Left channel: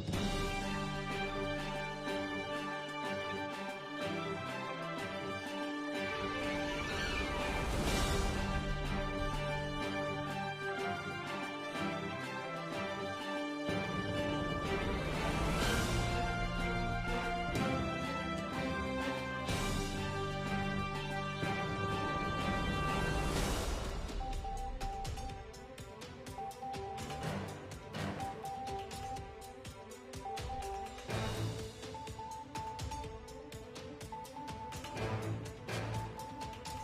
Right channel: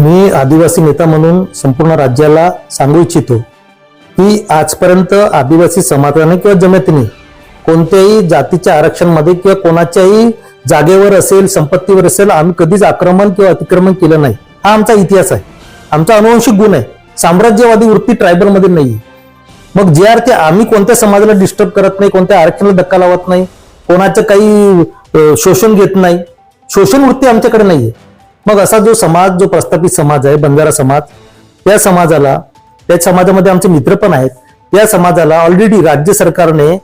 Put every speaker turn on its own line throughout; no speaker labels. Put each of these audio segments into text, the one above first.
मी आदिवासी नेता म्हणून संपूर्ण राज्याला सांगू इच्छितो की आजपर्यंत आदिवासी समाजाने किंवा जमातीने कोणत्याही जातीच्या आरक्षणमध्ये किंवा कोणाच्याही जागेवर असेल संपत्तीवर असेल आम्ही कधीच आक्रमण किंवा अतिक्रमण केलं नाही हा आमचा इतिहास आहे आमचा अनुवंशिक गुण आहे साम्राज्यवादी वृत्ती ट्रायबलमध्ये नाही मग जे आर ते आम्ही कोणत्या समाजाला डिस्टर्ब करत नाही कोणत्या आरक्षणाला धक्का लावत नाही कोणाचं काही शोषण घेत नाही शोषण वृत्ती आमच्याकडे आहे मग असा जो समाज जो प्रस्थापित समाज आहे बंजारा समाज त्या समाजाला त्या समाजामध्ये आमचे मित्र पण आहेत त्या समाजाला ऑलरेडी राज्य सरकारने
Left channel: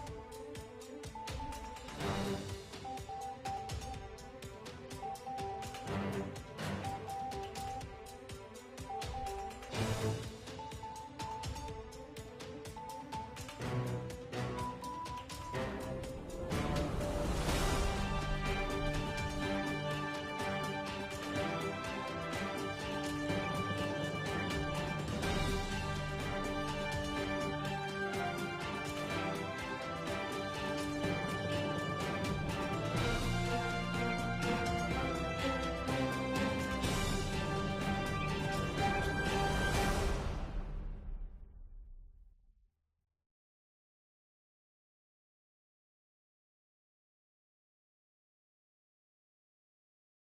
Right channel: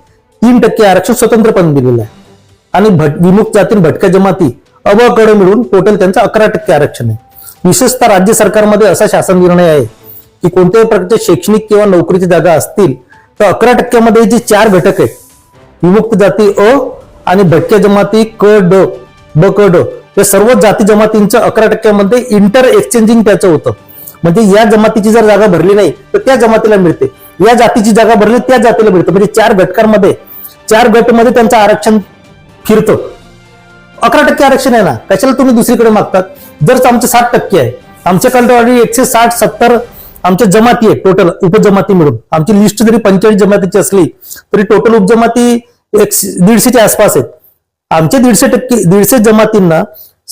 तीन टक्के आरक्षण स्वतंत्रपण दिलेलं आहे आणि भट विमुक्त जाती भटक्या जमाती अबकडे मिळून टोटल त्यांचं अकरा टक्के आरक्षण आहे विशेषतः राज्य सरकारमध्ये असा शासन निर्णय आहे की कोणत्याही प्रकारच्या शैक्षणिक किंवा नोकरीची जागा असतील तर अकरा टक्क्यामध्ये जे चार घटक आहेत विमुक्त जाती अ आणि भटक्या जमाती क ड ब क ड या सर्व जाती जमातींचं अकरा टक्क्यामध्ये इंटर एक्सचेंजिंग त्याचं होतं म्हणजे या जमातीची जर जागा भरली नाही तर त्या जमातीला मिळते या जातीची जागा भरली त्या जातीला मिळते म्हणजे चार घटकांमध्ये चार गटमध्ये त्यांचं आरक्षण फिरतं अकरा टक्के आरक्षण आहे ना कशाला तुम्ही दुसरीकडे मागतात जर आमचे साठ टक्के आहे आमच्याकडे ऑलरेडी एकशे साठ सत्तर आमच्या जमाती आहे टोटल उपजमाती मिळून आमची लिस्ट जरी पंचेचाळीस जमातीची असली तरी टोटल उपजमाती एक दीडशेच्या आसपास आहेत आमचे दीडशे टक्के दीडशे जमातींना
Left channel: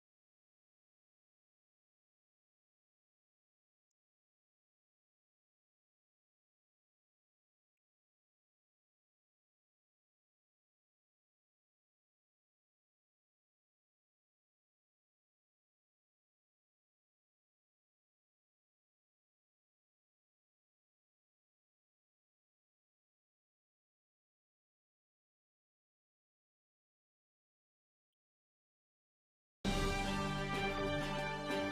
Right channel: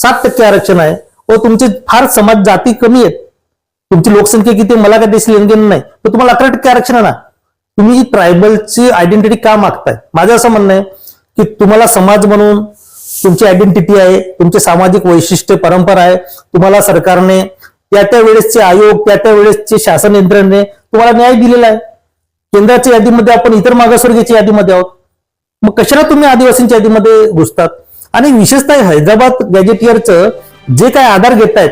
सात टक्के आरक्षण आहे व तुमचे फार समाज जाती कमी आहेत तुमची लोकसंख्या किती मला काय देश नाही तर तुम्हाला अकरा टक्के आरक्षण आहे ना तुम्ही ट्रायबलची आयडेंटिटी का मागताय माझं असं म्हणणं आहे की तुम्हाला समाज म्हणून तुमची आयडेंटिटी आहे तुमचे सामाजिक वैशिष्ट्य परंपरा आहे तुम्हाला सरकारने त्या त्या वेळेसचे आयोग त्या त्या वेळेसचे शासन यंत्रणेने तुम्हाला न्याय दिलेला आहे केंद्राच्या यादीमध्ये आपण इतर मागासवर्गीयच्या यादीमध्ये आहोत मग कशाला तुम्ही आदिवासींच्या यादीमध्ये घुसतात आणि विशेषतः हैदराबाद गॅजेटियरचं जे काय आधार घेत आहेत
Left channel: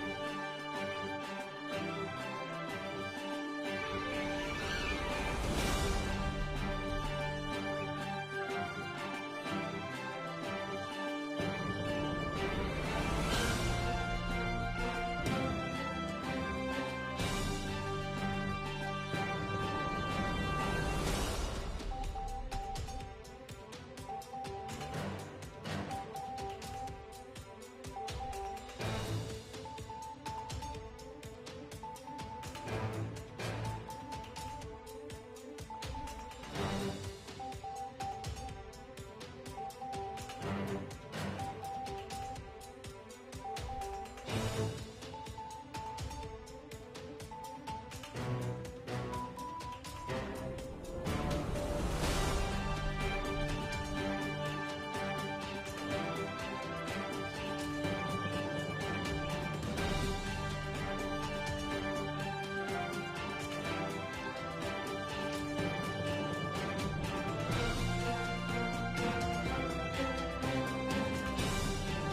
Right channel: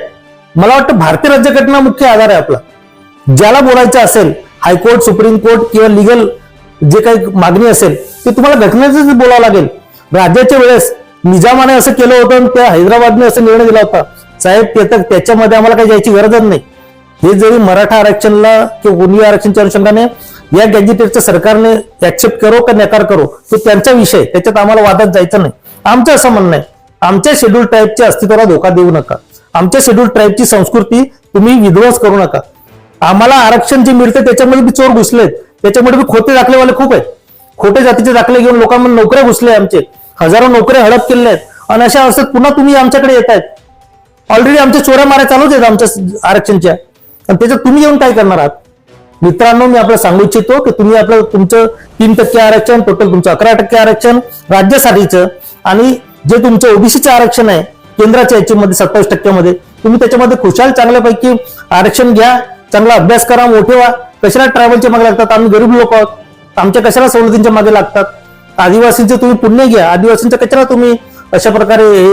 मला वाटतं भारतीय राज्यघटना मुख्य आधार आहे आपला ज्याला बोलायचं असेल हायकोर्ट सुप्रीम कोर्ट किंवा लिगल जे काही मागणी असेल ते तुम्हाला घटनेच बोलावं लागेल राज्याच्या वेळेस निजामाने असं केलं होतं आणि त्या हैदराबादने असं निर्णय दिला होता साहेब ते तर त्याच्यामध्ये आम्हाला काही जायची गरजच नाही हे जरी मराठा आरक्षणला किंवा गोंदी आरक्षणच्या अनुषंगाने या गॅजेटेडचं सरकारने ऍक्सेप्ट करो का नकार करो तो त्यांचा विषय त्याच्यात आम्हाला वादात जायचं नाही आमचं असं म्हणणं आहे आमच्या शेड्यूल ट्राईबच्या अस्तित्वाला धोका देऊ नका आमच्या शेड्यूल ट्राईबची संस्कृती तुम्ही विध्वंस करू नका आम्हाला आरक्षण जे मिळतं त्याच्यामध्ये बी चोर घुसलेत त्याच्यामध्ये बी खोटे दाखलेवाले खूप आहेत खोटे जातीचे दाखले घेऊन लोकांमध्ये नोकऱ्या घुसले आमचे हजारो नोकऱ्या हडप केले आहेत आणि अशा अवस्थेत पुन्हा तुम्ही आमच्याकडे येत आहेत ऑलरेडी आमच्या चोऱ्या मारा चालूच आहेत आमच्या आरक्षणच्या आणि त्याच्यात तुम्ही येऊन काय करणार आहात मित्रांनो मी आपल्याला सांगू इच्छितो की तुम्ही आपलं तुमचं तीन टक्के आरक्षण टोटल तुमचं अकरा टक्के आरक्षण राज्यासाठीचं आणि जे तुमचं ओबीसीचं आरक्षण आहे केंद्राच्या याच्यामध्ये सत्तावीस टक्क्यामध्ये तुम्ही त्याच्यामध्ये खुशाल चांगल्यापैकी आरक्षण घ्या चांगला अभ्यास करा मोठे व्हा कशाला ट्रॅव्हलच्या मागे लागतात आम्ही गरीब लोक आहोत आमच्या कशाला सवलतींच्या मागे लागतात आदिवासींचे तुम्ही पुण्य घ्या आदिवासींच्या कचरा तुम्ही अशा प्रकारे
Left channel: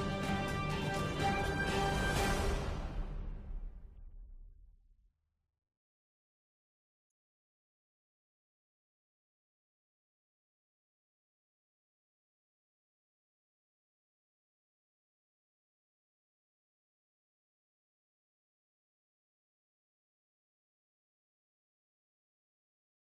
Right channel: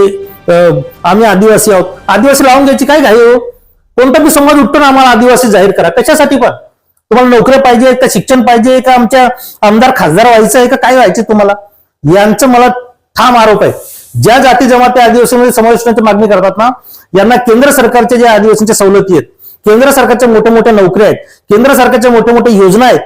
आम्ही आदिवासी आहोत आदिवासी लावून घ्यायची काय घाई हो कोणता बी समाज उठतो ना आम्हाला आदिवासी जाहीर करा कशासाठी पण तुम्हाला नोकऱ्या पाहिजे का शिक्षण पाहिजे का आमच्या आमदार खासदार व्हायचं आहे का काय व्हायचं तुम्हाला यांचं मला ठाम आरोप आहे ज्या जाती जमाती आदिवासीमध्ये समावेशनाची मागणी करतात ना यांना केंद्र सरकारच्या ज्या आदिवासींच्या सवलती आहेत केंद्र सरकारच्या मोठ्या मोठ्या नोकऱ्या आहेत केंद्र सरकारच्या मोठ्या मोठ्या योजना आहेत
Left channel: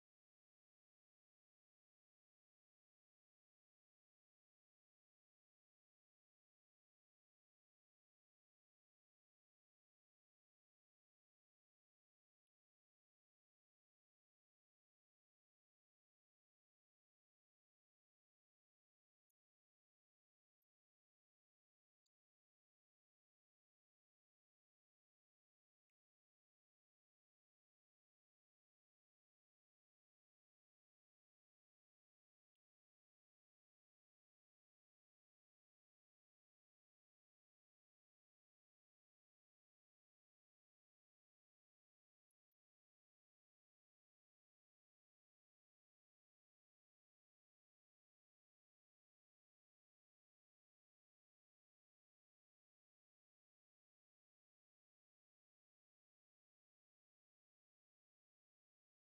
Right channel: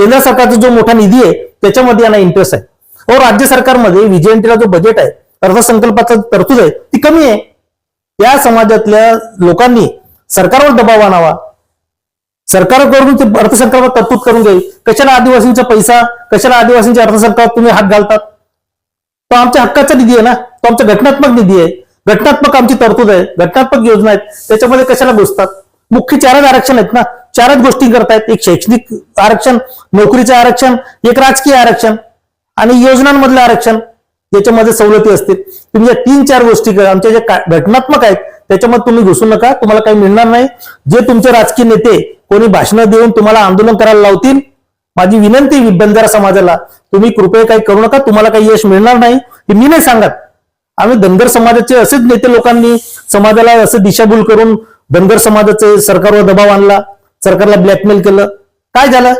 केंद्र सरकारचा जो मोठा निधी आहे त्याच्यामध्ये यांना इंटरेस्ट आहे व राज्य सरकारमध्ये विजयंतीला जो बजेट आहे अर्थसंकल्पाचा तरतूद आहे ती कमी आहे त्या समाजातल्या लोकांनी सरकारवर दबाव आणावा सरकारकडून ते अर्थसंकल्पात तरतूद करून जाईल कशाला आदिवासींचा पैसा कशाला आदिवासींच्या अर्थसंकल्पात तुम्ही हात घालतात तो आमच्या हक्काचा निधी आहे ना तो आमचा घटनात्मक निधी आहे घटनात्मक आमची तरतूद आहे घटनात्मक योजना आहेत त्याच्यामध्ये कशाला घुसतात मुख्य चारच आरक्षण आहेत ना चारच गोष्टी करतायत एक शैक्षणिक आरक्षण नोकरीचं आरक्षण एक राजकीय आरक्षण आणि योजनांमधलं आरक्षण ज्याच्यामध्ये सवलती असतील तुम्ही या तीन चार गोष्टी आमच्या ज्या घटनात्मक आहेत त्याच्यामध्ये तुम्ही घुसू नका तुम्हाला काही मिळणार नाही जे तुमचे राजकीय नेते कोणी भाषणं देऊन तुम्हाला आंदोलन करायला लावतील माझी विनंती बंजारा समाजाला तुम्ही कृपया काही करू नका तुम्हाला काही यश मिळणार नाही हे मी नाही सांगत आम्ही धनगर समाजाचे असेच नेते लोकांनी समाजाला असं दिशाभूल करून धनगर समाजाचे सरकारवर दबाव आणला सरकारला ब्लॅकमेल केलं काय झालं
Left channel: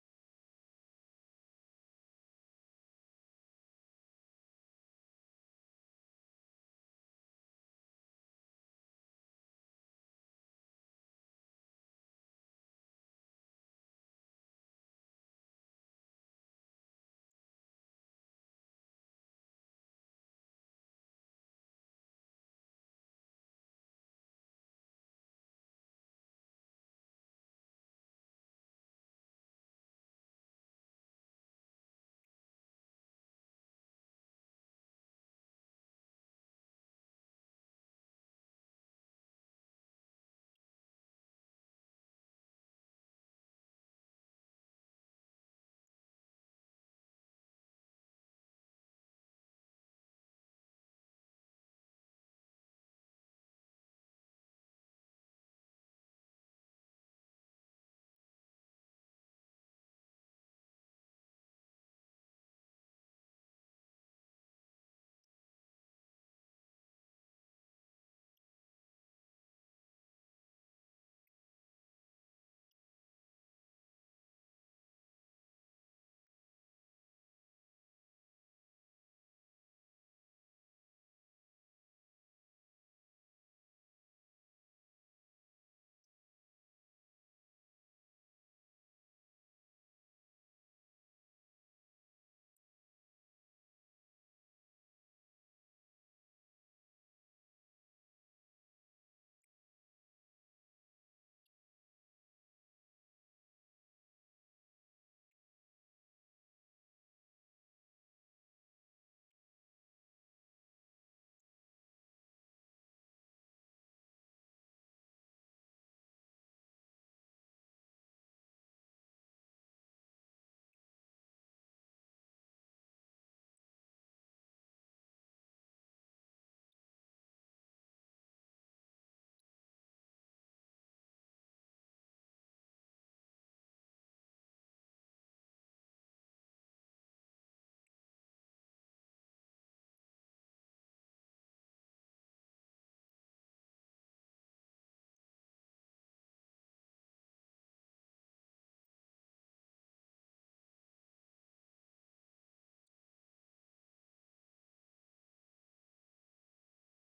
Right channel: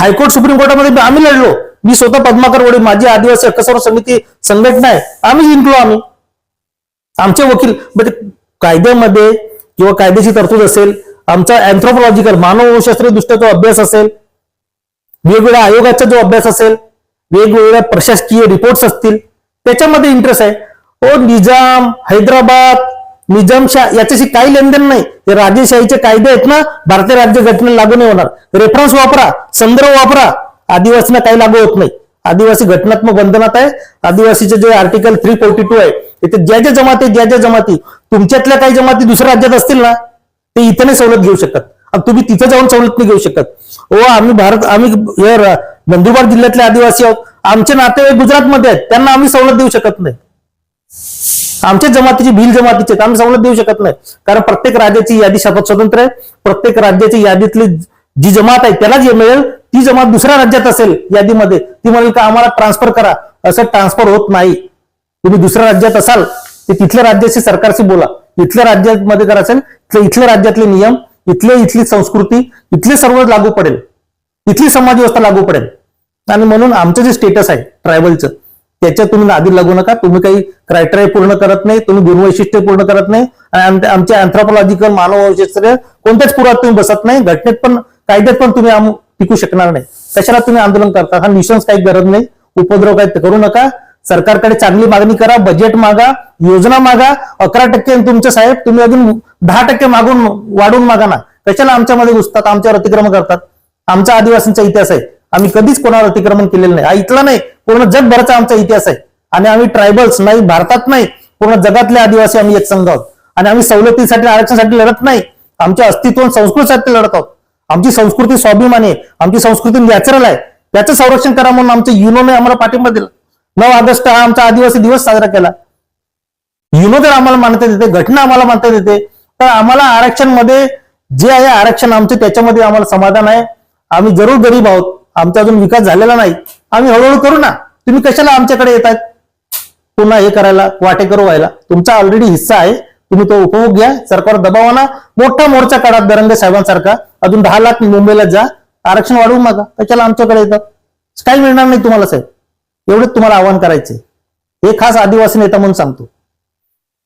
हायकोर्ट सुप्रीम कोर्टामध्ये आम्ही लढलो मी स्वतः पद्माकर वडील माझी आदिवासी हक्कसंवर समिती संघटना आहे आम्ही जिंकलो आम्ही आमचे वकील म्हणजे कायद्यामध्ये किंवा कायद्याची तरतूद असेल आमचा अँथ्रोपॉलॉजिकल मानवशास्त्रीय दृष्ट्या जो अभ्यास असेल वेगवेगळ्या आयोगाचा जो अभ्यास असेल वेगवेगळ्या प्रशासकीय रिपोर्ट्स असतील त्याच्यामध्ये इंटरेस्ट आहे ओ हो, निजाम हैदराबाद निजामशाह याच्याशी काही लेनदेन नाही ते राजेशाहीचे कायदे आहेत ना भारतीय राज्य घटनेला लागू नाही होणार रेफरन्स वापरा संदर्भ वापरा आदिवासींना काही लागू होत नाही आदिवासी घटनात्मक बंधनात आहे आदिवासीचे जे आर्टिकल थ्री फोर्टी टू आहे इथे ज्या ज्या जमाती ज्या ज्या जमाती तुमच्यातल्या काही जमाती दुसऱ्या राज्यात असतील ना ते इथे नाही सवलत घेऊ शकत तुम्ही तिथं जाऊन सवलत नाही घेऊ शकत ओ हो, आम्ही भारत आम्ही नंदुरबार जिल्ह्यातले आदिवासी आहोत आमचे नाते गुजरातमध्ये आहेत त्यांना आम्ही सवलत देऊ शकत नाही आमच्या जमातीची भील जमातीचे आम्ही सवलत देऊ शकत नाही कारण प्रत्येक राज्याची यादी शपथ स्वतंत्र आहे प्रत्येक राज्याची यादीतली जी जमात आहे त्याला जे मिळेल ती जमात दुसऱ्या राज्यात असेल यादीमध्ये ती म्हणेल का आम्हाला ट्रान्सफर करा असं ट्रान्सफर होत नाही तुम्ही दुसऱ्या राज्यात असाल ते तिथल्या राज्याशी सरकारशी बोला इथल्या राज्यामध्ये जर असेल तर इथल्या राज्यातले नियम इथले इथली संस्कृती इथले सर्व लागू पडेल इथली समाज व्यवस्था लागू पडेल आणि म्हणून आमचं जे स्टेटस आहे ट्रायबलचं त्याच्या तुम्ही आधी लागू नका तुम्ही काही क्रायटेरिया पूर्ण करत नाही तुम्ही गुणवैशिष्ट्य पूर्ण करत नाही आणि आमच्या अँथ्रोपॉलॉजिकल वैशिष्ट्य कोणत्याच पुरात तुम्ही बसत नाही घटनेत पण कायद्यात पण तुम्ही टिकू शकणार नाही कशाला तुम्ही आंदोलन करता हा निशंस काही गरज नाही उपद्रव काही करू नका सरकारकडे चांगली मागणी करा बजेट मागा योजना मागा अकरा टक्के तुमचे साहेब तुम्ही अजून दहा टक्के मागून वाढून मागा ना कशाला आमच्यामध्ये घुसतात आमच्यावर अतिक्रमण करतात आमचा आदिवासींचा इतिहास आहे आम्ही कधीच कोणावर अतिक्रमण केलेलं नाही हा इथला नाही पूर्ण जगभराचा आमचा इतिहास आहे आणि आम्ही ट्रायबल्स नाही भारतात नाही पूर्ण जगातले आदिवासी आम्ही एक संघ आहोत आणि आम्ही सवलतीसाठी आरक्षणासाठी लढत नाही आमच्या अस्तित्व संस्कृतीसाठी लढत आहोत आमची संस्कृती स्वाभिमानी आहे आमची संस्कृती नॅचरल आहे त्याचं संरक्षण करा म्हणून आमच्या युनोने आम्हाला पाठिंबा दिला नऊ ऑगस्ट हा आमचा आदिवासी दिवस साजरा केला युनो तर आम्हाला मानता येते घटना आम्हाला मानता येते तर आम्हाला आरक्षण मध्ये जे आहे आरक्षण आमचे त्याच्यामध्ये आम्हाला समाधान आहे आम्ही जरूर गरीब आहोत आमचा अजून विकास झालेला नाही आम्ही हळूहळू करू ना तुम्ही कशाला आमच्याकडे येत पुन्हा हे करायला वाटेकर व्हायला तुमचा ऑलरेडी हिस्सा आहे तुम्ही तो उपभोग घ्या सरकार दबावाना मोठा मोर्चा काढा दरंगे साहेबांसारखा अजून दहा लाख मुंबईला जा आरक्षण वाढवू मागा कशाला आमच्याकडे येतात काही मिळणार नाही तुम्हाला साहेब एवढंच तुम्हाला आवाहन करायचंय हे खास आदिवासी नेता म्हणून सांगतो